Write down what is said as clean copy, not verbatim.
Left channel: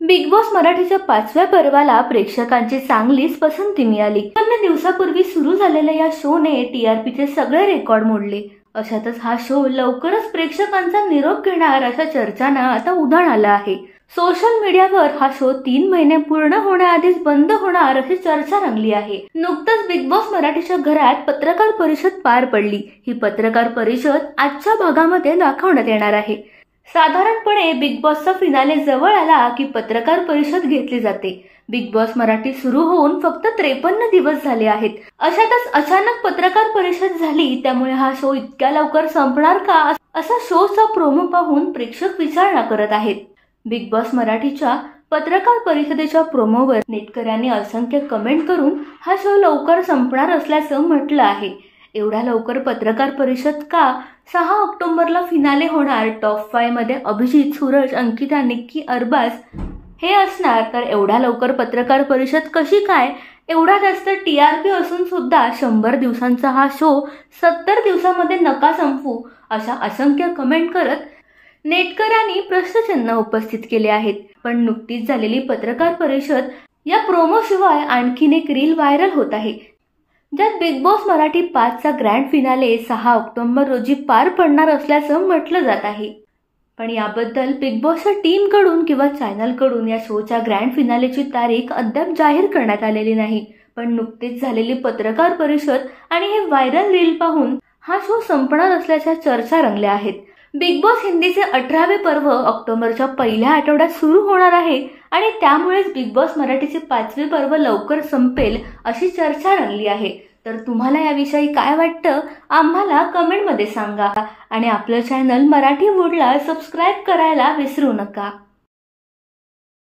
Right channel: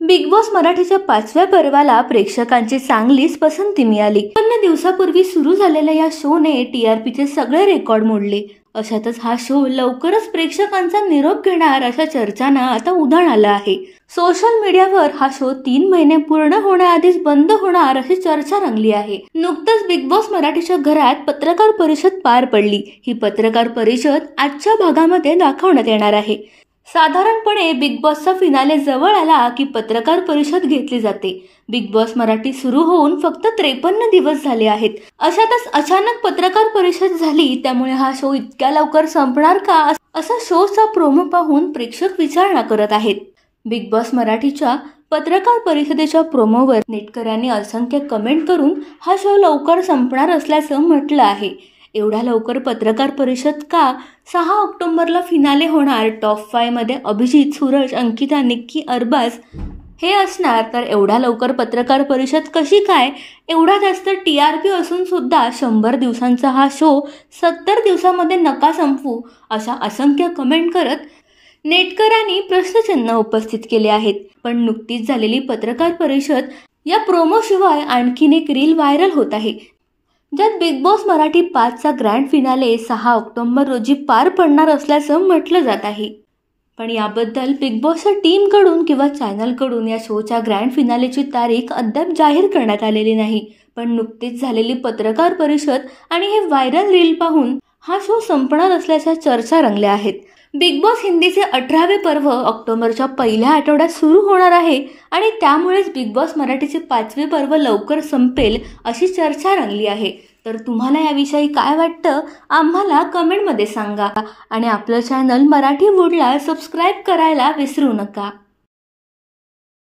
Big boss मराठीच्या 5व्या पर्वाला प्रेक्षकांची चांगलीच पसंती मिळाली. 5 दिवसापूर्वी सुरू झालेल्या या शोने टीआरपीचे सगळे रेकॉर्ड मोडले. अशातच हा शो लवकरच प्रेक्षकांचा निरोप घेणार अशा चर्चांना आता उधाण आलं आहे. सोशल मीडियावर हा शो 3 महिने पूर्ण होण्याआधीच बंद होणार अशी चर्चा रंगली आहे. नुकतंच बिग बॉस मराठीच्या घरात पत्रकार परिषद पार पडली. ही पत्रकार परिषद आजच्या भागामध्ये दाखवण्यात येणार आहे. साधारणपणे बिग बॉसचा फिनाले जवळ आला की पत्रकार परिषद घेतली जाते. बिग बॉस मराठी सुरू होऊन फक्त 53 दिवस झाले आहेत. अशातच अचानक पत्रकार परिषद झाली. त्यामुळे हा शो इतक्या लवकर संपणार का असा शोचा प्रोमो पाहून प्रेक्षक विचारणा करत आहेत. बिग बॉस मराठीच्या पत्रकार परिषदेच्या प्रोमोवर नेटकऱ्यांनी असंख्य कमेंट करून हा शो लवकर संपणार असल्याचं म्हटलं आहे. एवढ्या लवकर पत्रकार परिषद का? 6 ऑक्टोबरला फिनाले होणार. टॉप 5 मध्ये अभिजित, सूरज, अंकिता, निक्की, अरबाज हे असणार. तर एवढ्या लवकर पत्रकार परिषद कशी काय? एवढा जास्त टीआरपी असून सुद्धा 100 दिवसांचा हा शो 70 दिवसामध्ये नका संपवू अशा असंख्य कमेंट करत नेटकऱ्यांनी प्रश्नचिन्ह उपस्थित केले आहेत. पण नुकतीच झालेली पत्रकार परिषद या प्रोमो शिवाय आणखीन एक रील व्हायरल होत आहे, ज्यात बिग बॉस मराठी 5चा ग्रँड फिनाले 6 ऑक्टोबर रोजी पार पडणार असल्याचं म्हटलं जात आहे. पण याबद्दल बिग बॉसच्या टीमकडून किंवा चॅनलकडून या शोच्या ग्रँड फिनालेची तारीख अद्याप जाहीर करण्यात आलेली नाही. पण नुकतीच झालेली पत्रकार परिषद आणि हे व्हायरल रील पाहून हा शो संपणार असल्याच्या चर्चा रंगल्या आहेत. बिग बॉस हिंदीचे 18वे पर्व ऑक्टोबरच्या पहिल्या आठवड्यात सुरू होणार आहे आणि त्यामुळेच बिग बॉस मराठीचे 5वे पर्व लवकर संपेल अशी चर्चा रंगली आहे. तर तुम्हाला याविषयी काय वाटतं आम्हाला कमेंटमध्ये सांगा आणि आपलं चॅनल मराठी वूडला सबस्क्राईब करायला विसरू नका.